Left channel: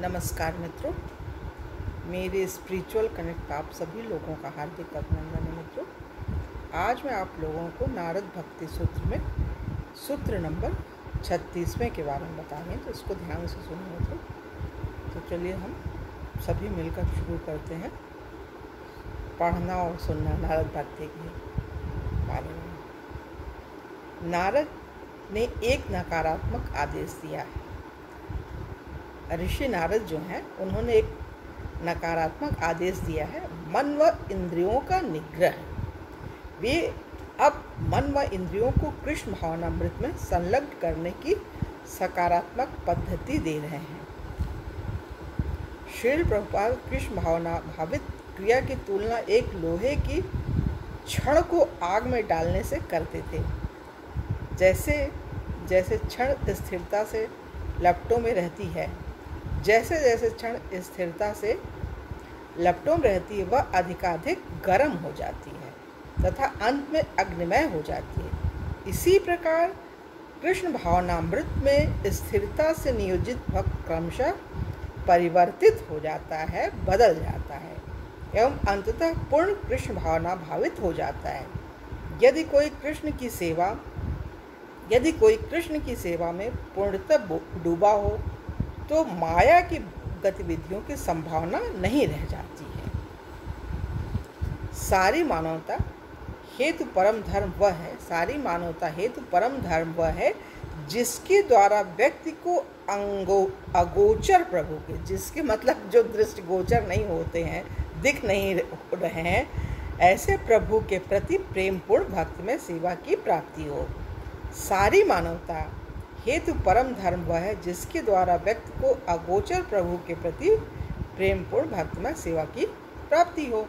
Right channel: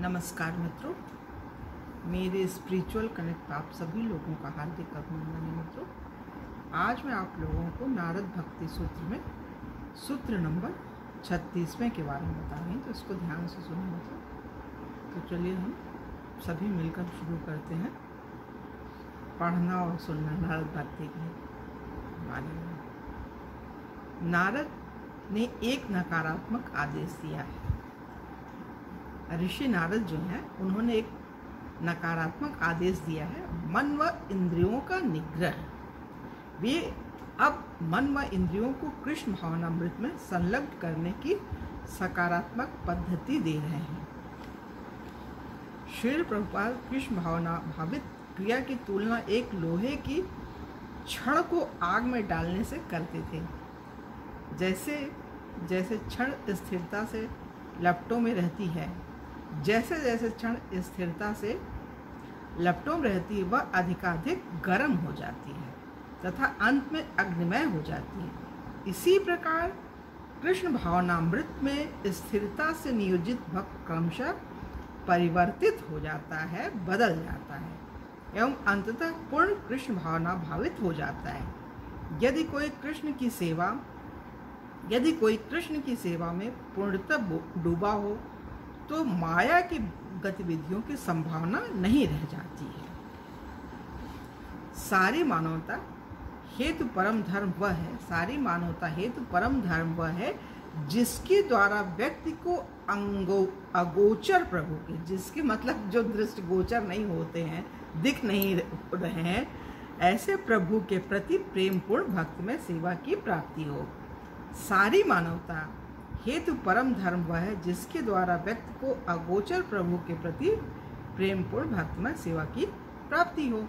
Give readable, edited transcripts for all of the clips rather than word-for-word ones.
नमस्कार मित्रों, मेरे स्पिरिचुअल कनेक्ट आप सभी लोगों का हार्दिक अभिनंदन है। मित्रों, आज मैं आप लोगों को नारद भक्ति सूत्र में सूत्र नंबर 36वें के बारे में बता रही हूँ, तो इसको ध्यान से सुनिए मित्रों। तो चलिए हम सभी मिलकर शुरू करते हैं पढ़ना और सुनना नारद भक्ति के बारे में। नारद ने एक नकारात्मक आदेश दिया है। ऋषि नारद जो हैं उन्होंने एक नकारात्मक आदेश दिया है, मन व इंद्रियों का निग्रह। वे अब मन व इंद्रियों को कृष्ण भावनामृत में संलग्न करने की सकारात्मक पद्धति दे रहे हैं। श्रील प्रभुपाद कृष्ण भावना भावित क्रिया की तुलना एक लोहे की छड़ को आग में डालने से करते थे। जैसे जैसे छड़ स्थिरता से लपटों में रहती है, जैसे जैसे क्षण स्थिरता से लपटों में रहती है, वह अधिकाधिक गर्म हो जाती है तथा अंत में अग्निमय हो जाती है। इसी प्रकार कृष्ण भावनामृत में स्थिरता से नियोजित भक्त क्रमशः परिवर्तित हो जाता है, बदल जाता है एवं अंततः पूर्ण कृष्ण भावना भावित हो जाता है। यदि कोई कृष्ण की सेवा में पूर्णतः डूबा हो तो माया की गतिविधियों की संभावना नहीं रह जाती है। सारी मानवता हेतु परम धर्म वह है जिसके द्वारा व्यक्ति को अगोचर प्रभु के, जिसके मतलब जो दृष्टिगोचर नहीं होते हैं, दिख नहीं रहे हैं, ऐसे प्रभु के प्रति प्रेम पूर्ण भक्ति में सेवा की प्राप्ति हो। सारी मानवता हेतु परम धर्म वह है जिसके द्वारा व्यक्ति को अगोचर प्रभु के प्रति प्रेमपूर्ण भक्तिमय सेवा की प्राप्ति हो।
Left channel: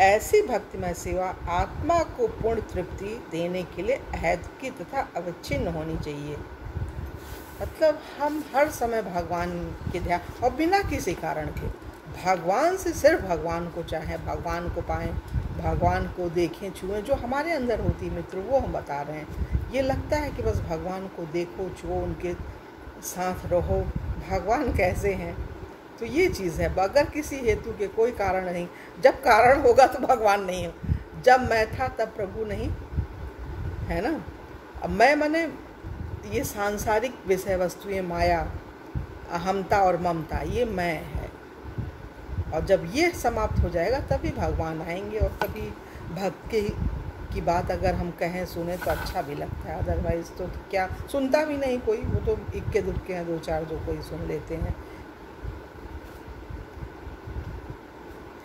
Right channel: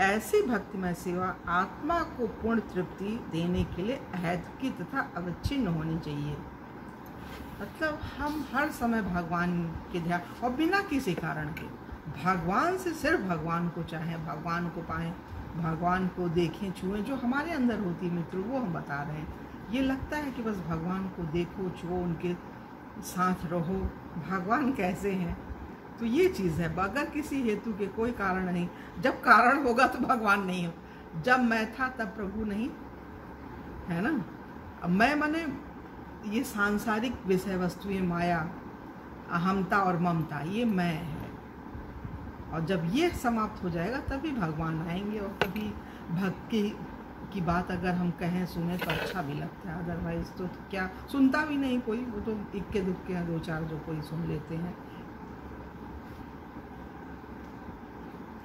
ऐसी भक्तिमय सेवा आत्मा को पूर्ण तृप्ति देने के लिए अहैतुकी तथा अविच्छिन्न होनी चाहिए। मतलब हम हर समय भगवान के ध्यान और बिना किसी कारण के भगवान से सिर्फ भगवान को चाहें, भगवान को पाएं, भगवान को देखें, छुएं। जो हमारे अंदर होती है मित्रों, वो हम बता रहे हैं। ये लगता है कि बस भगवान को देखो, छुओ, उनके साथ रहो। भगवान कैसे हैं? तो ये चीज़ है। अगर किसी हेतु के कोई कारण नहीं, जब कारण होगा तो भगवान नहीं हो। जब मैं था तब प्रभु नहीं, है ना। अब मैं माने ये सांसारिक विषय वस्तुएं, माया, अहमता और ममता, ये मैं है। और जब ये समाप्त हो जाएगा तभी भगवान आएंगे और तभी भक्ति की बात अगर हम कहें, सुने तो अच्छा भी लगता है। अदरवाइज तो क्या, सुनता भी नहीं कोई। वो तो इक्के दुक्के हैं, दो चार जो कोई सुन लेते हैं।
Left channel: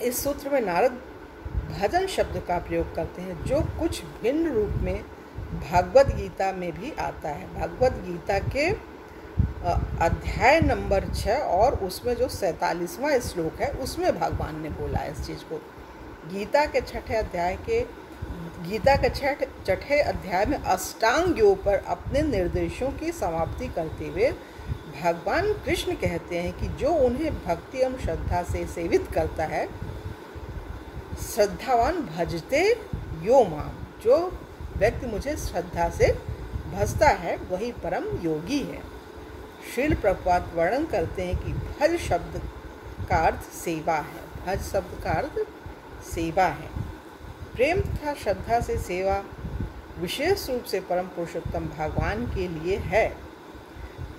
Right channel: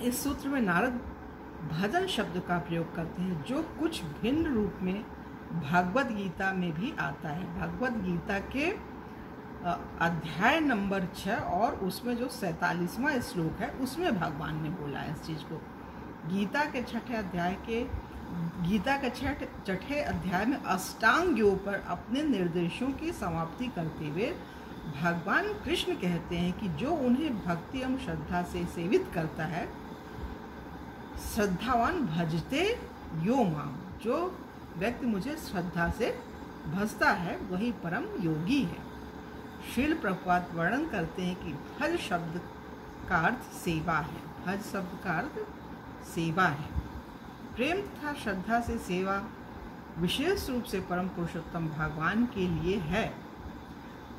इस सूत्र में नारद भजन शब्द का प्रयोग करते हैं, जो कुछ भिन्न रूप में भगवद गीता में भी आता है। भगवद गीता के अध्याय नंबर 6 और उसमें जो 47वां श्लोक है, उसमें भगवान ने बोला है इस चीज़ को। गीता के छठे अध्याय में अष्टांग योग पर अपने निर्देशों की समाप्ति करते हुए भगवान कृष्ण कहते हैं कि जो उन्हें भक्ति एवं श्रद्धा से सेवित करता है, श्रद्धावान भजते यो माम, जो व्यक्ति मुझे श्रद्धा से भजता है वही परम योगी है। श्रील प्रभुपाद वर्णन करते हैं कि भज शब्द का अर्थ सेवा है। भज शब्द का अर्थ सेवा है। प्रेम तथा श्रद्धा से सेवा विशेष रूप से परम पुरुषोत्तम भगवान के लिए है।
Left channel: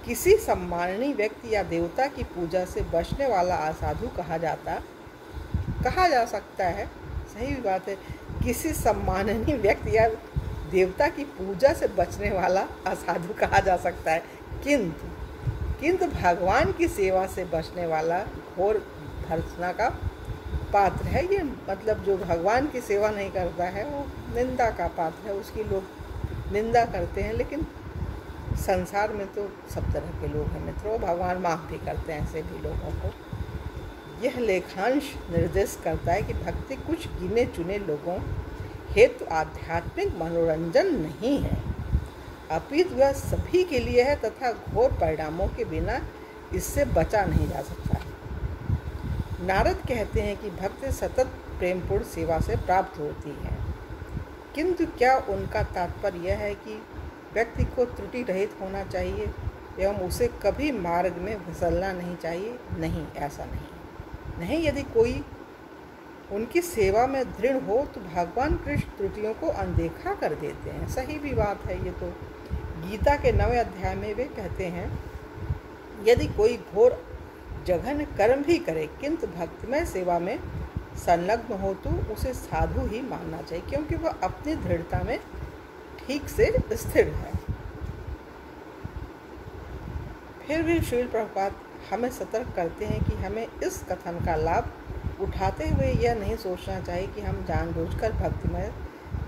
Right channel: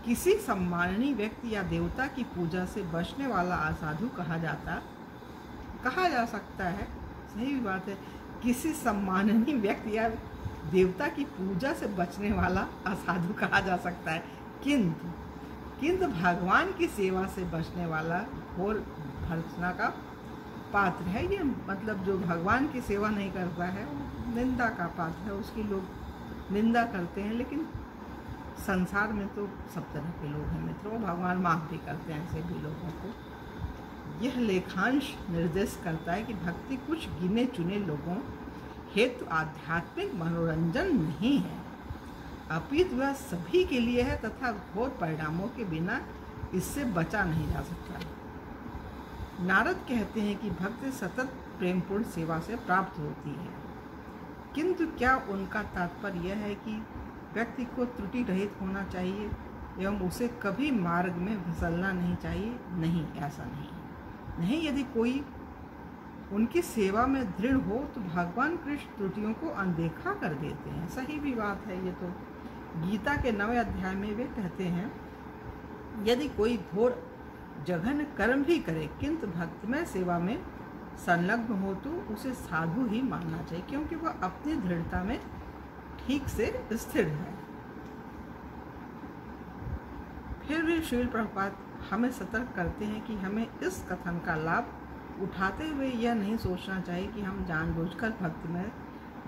किसी सम्माननीय व्यक्ति या देवता की पूजा से बचने वाला असाधु कहा जा सकता है। सही भी बात है। किसी सम्माननीय व्यक्ति या देवता की पूजा से बचने वाला असाधु कहा जा सकता है, किंतु भगवान की सेवा से बचने वाला घोर भर्त्सना का पात्र है। ये मतलब जो भगवान की सेवा नहीं करता है वो निंदा का पात्र है, उसकी लोग निंदा करते हैं। लेकिन संसार में तो सब तरह के लोग हैं मित्रों, भगवान माफ़ भी करते हैं ऐसे भी लोगों को। यह लेखांश निर्देश करता है कि भक्ति कुछ गिने चुने लोगों हेतु आध्यात्मिक मनोरंजन नहीं है, अपितु वह सभी के लिए है तथा घोर परिणामों के बिना इससे बचा नहीं जा सकता। नारद कहते हैं कि भक्ति सतत प्रेमपूर्ण सेवा से प्राप्त होती है, किंतु क्या उनका तात्पर्य यह है कि व्यक्ति को त्रुटि रहित होना चाहिए? एवं उसे कभी मार्ग में फिसलना नहीं चाहिए। नहीं, ऐसा नहीं। यदि कोई उनकी सेवा में दृढ़ हो तो भगवान कृष्ण त्रुटियों को अनदेखा कर देते हैं। सही भी बात है ये तो। गीता के 9वें अध्याय में वे कहते हैं, यदि कोई घोर जघन्य कर्म भी करे किंतु भक्तिमय सेवा में संलग्न हो तो उसे साधु ही मानना चाहिए, क्योंकि वह अपनी दृढ़ता में ठीक से स्थिर है। फिर भी श्रील प्रभुपाद हमें सतर्क करते हैं कि हमें इस कथन का लाभ उठाते हुए यह नहीं सोचना चाहिए कि हम जानबूझकर भक्तिमय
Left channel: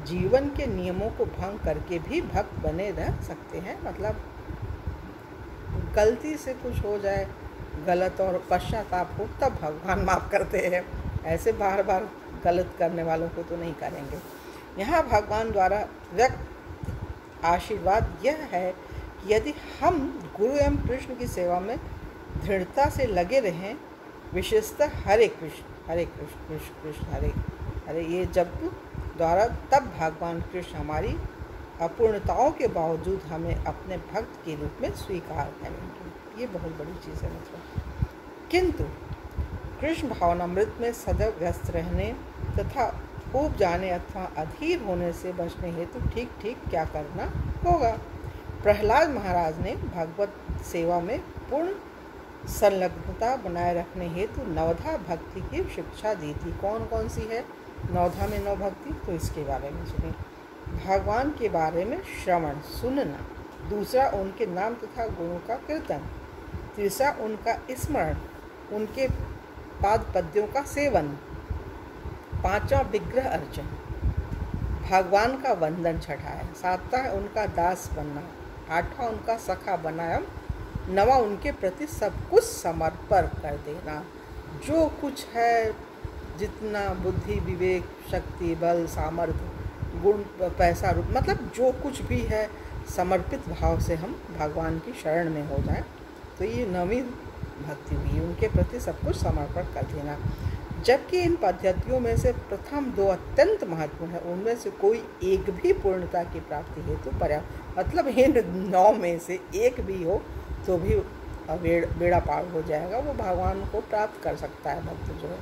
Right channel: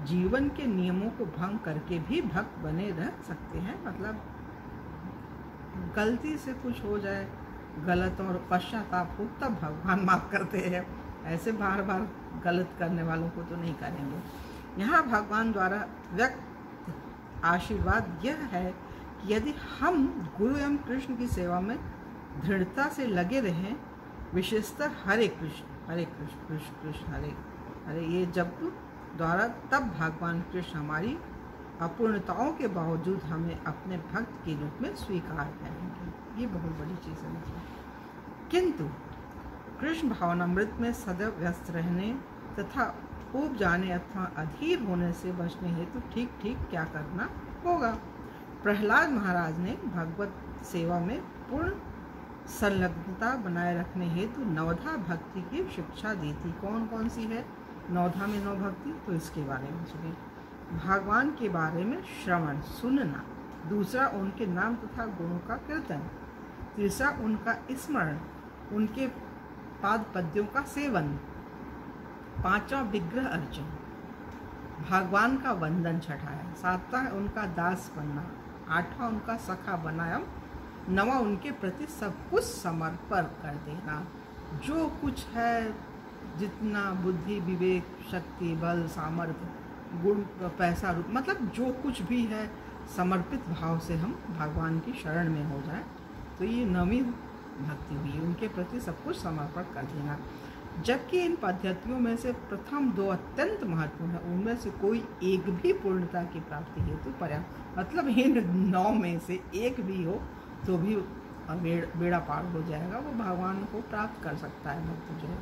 जीवन के नियमों को भंग करके भी भक्त बने रह सकते हैं। मतलब गलती से कुछ हो जाए गलत और पश्चाताप हो तब भगवान माफ़ करते हैं, ऐसे बार बार गलत करने वालों को तो नहीं करेंगे। यहाँ भगवान द्वारा व्यक्त आशीर्वाद यह है कि यदि हम गुरु एवं कृष्ण की सेवा में दृढ़ता से लगे रहें, विशेषतः हरे कृष्ण कृष्ण कृष्ण हरे हरे ये जप द्वारा, तब भगवान कृष्ण हमारी अपूर्णताओं के बावजूद हमें अपने भक्त के रूप में स्वीकार करेंगे। ये बहुत बड़ी चीज़ है मतलब। किंतु कृष्ण भावनामृत में सदैव व्यस्त रहने तथा ऊब जाने अथवा अधीर होने से बचने हेतु ठीक ठीक क्या करना होगा। प्रहलाद महाराज ने भगवत सेवा में पूर्ण संलग्नता बनाए रखने हेतु नवधा भक्ति की शिक्षा दी थी। कौन कौन सी है नवधा में 9 भक्ति, तो इसके बारे में सुनिए। भगवान के बारे में श्रवण सुनना, दूसरा उनके नाम तथा गुणों का कीर्तन, तीसरा उनका स्मरण, उनके पाद पद्यों का सेवन, पांचवा विग्रह अर्चन, भगवान का वंदन छठा है, सातवां है उनका दास बनना, आठवां उनका सखा बनाया, नवा उनके प्रति सब कुछ समर्पण कर देना। जो कुछ है, जितना बुद्धि विवेक शक्ति बल सामर्थ्य गुण पैसा रूप, मतलब जो कुछ भी है समर्पित भाव से हम भगवान की शरण में हो जाएं, तो ये 9वीं भक्ति हुई, उनके प्रति सब कुछ समर्पण कर देना। जबकि इन पद्धतियों में से प्रथम 2 अत्यंत महत्वपूर्ण है, उनमें से कोई एक भी पूर्णता की प्राप्ति हेतु पर्याप्त, मतलब इन 9 में से एक भी हो तो भी बेड़ा पार हो जाएगा, वो भगवान को प्राप्त कर सकता है भक्त जो है।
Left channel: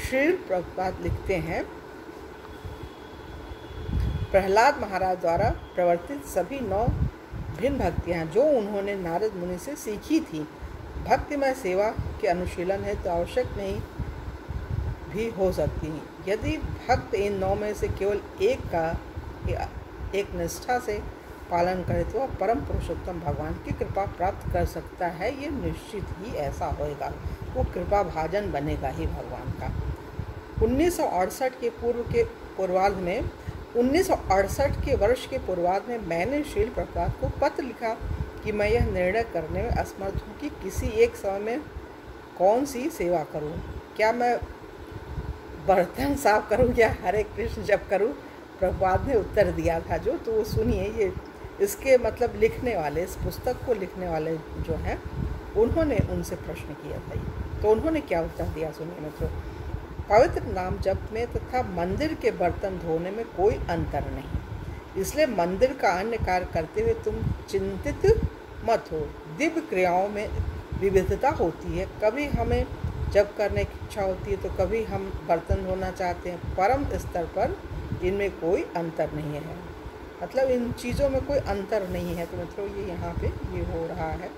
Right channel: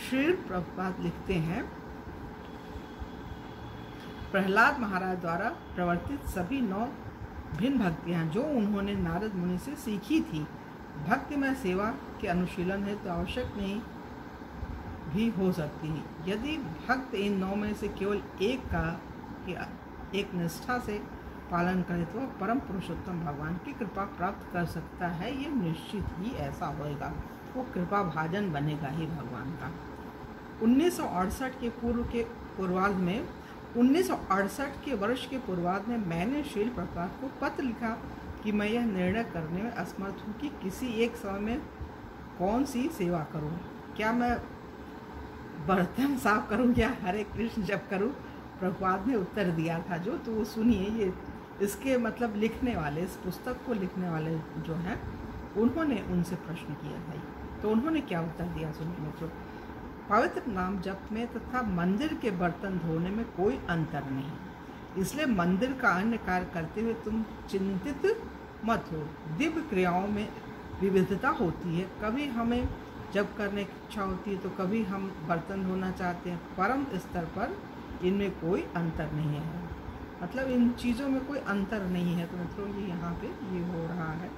श्री प्रभुपाद लिखते हैं, प्रहलाद महाराज द्वारा प्रवर्तित सभी 9 भिन्न भक्तियाँ जो उन्होंने नारद मुनि से सीखी थी, भक्तिमय सेवा के अनुशीलन है तो आवश्यक नहीं भी हो सकती हैं। यदि भक्त इन 9 में से केवल एक निष्ठा से पालन करे तो वह परम पुरुषोत्तम भगवान की कृपा प्राप्त कर सकता है। ये निश्चित ही ऐसा होएगा, वो कृपा भाजन बनेगा ही भगवान का। 1968 के वर्ष के पूर्वार्ध में मैंने श्रील प्रभुपाद को पत्र लिखा कि मैं यह निर्णय करने में असमर्थ हूँ कि किसी एक समय में कौन सी सेवा करूँ, क्या मैं बर्तन साफ करूँ या हरे कृष्ण जप करूँ। प्रभुपाद ने उत्तर दिया था जो, तो वो सुनिए, ये इसके मतलब लिखने वाले, इस पुस्तक को लिखने वाले जो हैं उन्होंने उनसे प्रश्न किया था। तो उन्होंने क्या उत्तर दिया सुनिए मित्रों। पवित्र नाम जप में तथा मंदिर के बर्तन धोने में कोई अंतर नहीं, इसलिए मंदिर का अन्य कार्य करते हुए तुम चिंतित मत हो। दिव्य क्रियाओं में विविधता होती है, कभी हमें जप करने की इच्छा होती है तो कभी हम बर्तन धोना चाहते हैं। परम स्तर पर इनमें कोई अंतर नहीं है, मतलब इन चीज़ों में कोई अंतर नहीं है। तो मित्रों ये यहाँ पे ये हो रहा है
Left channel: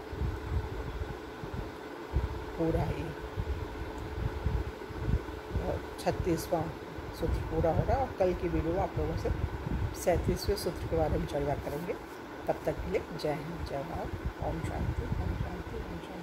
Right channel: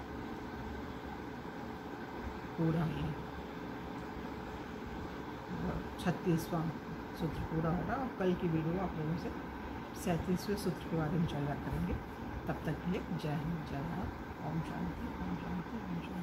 पूरा, ये 36वां सूत्र पूरा हो रहा है, और कल की वीडियो में आप लोगों से 37वें सूत्र के बारे में चर्चा करेंगे। तब तक के लिए जय हिंद, जय भारत, ओम शांति, ओम शांति, ओम शांति।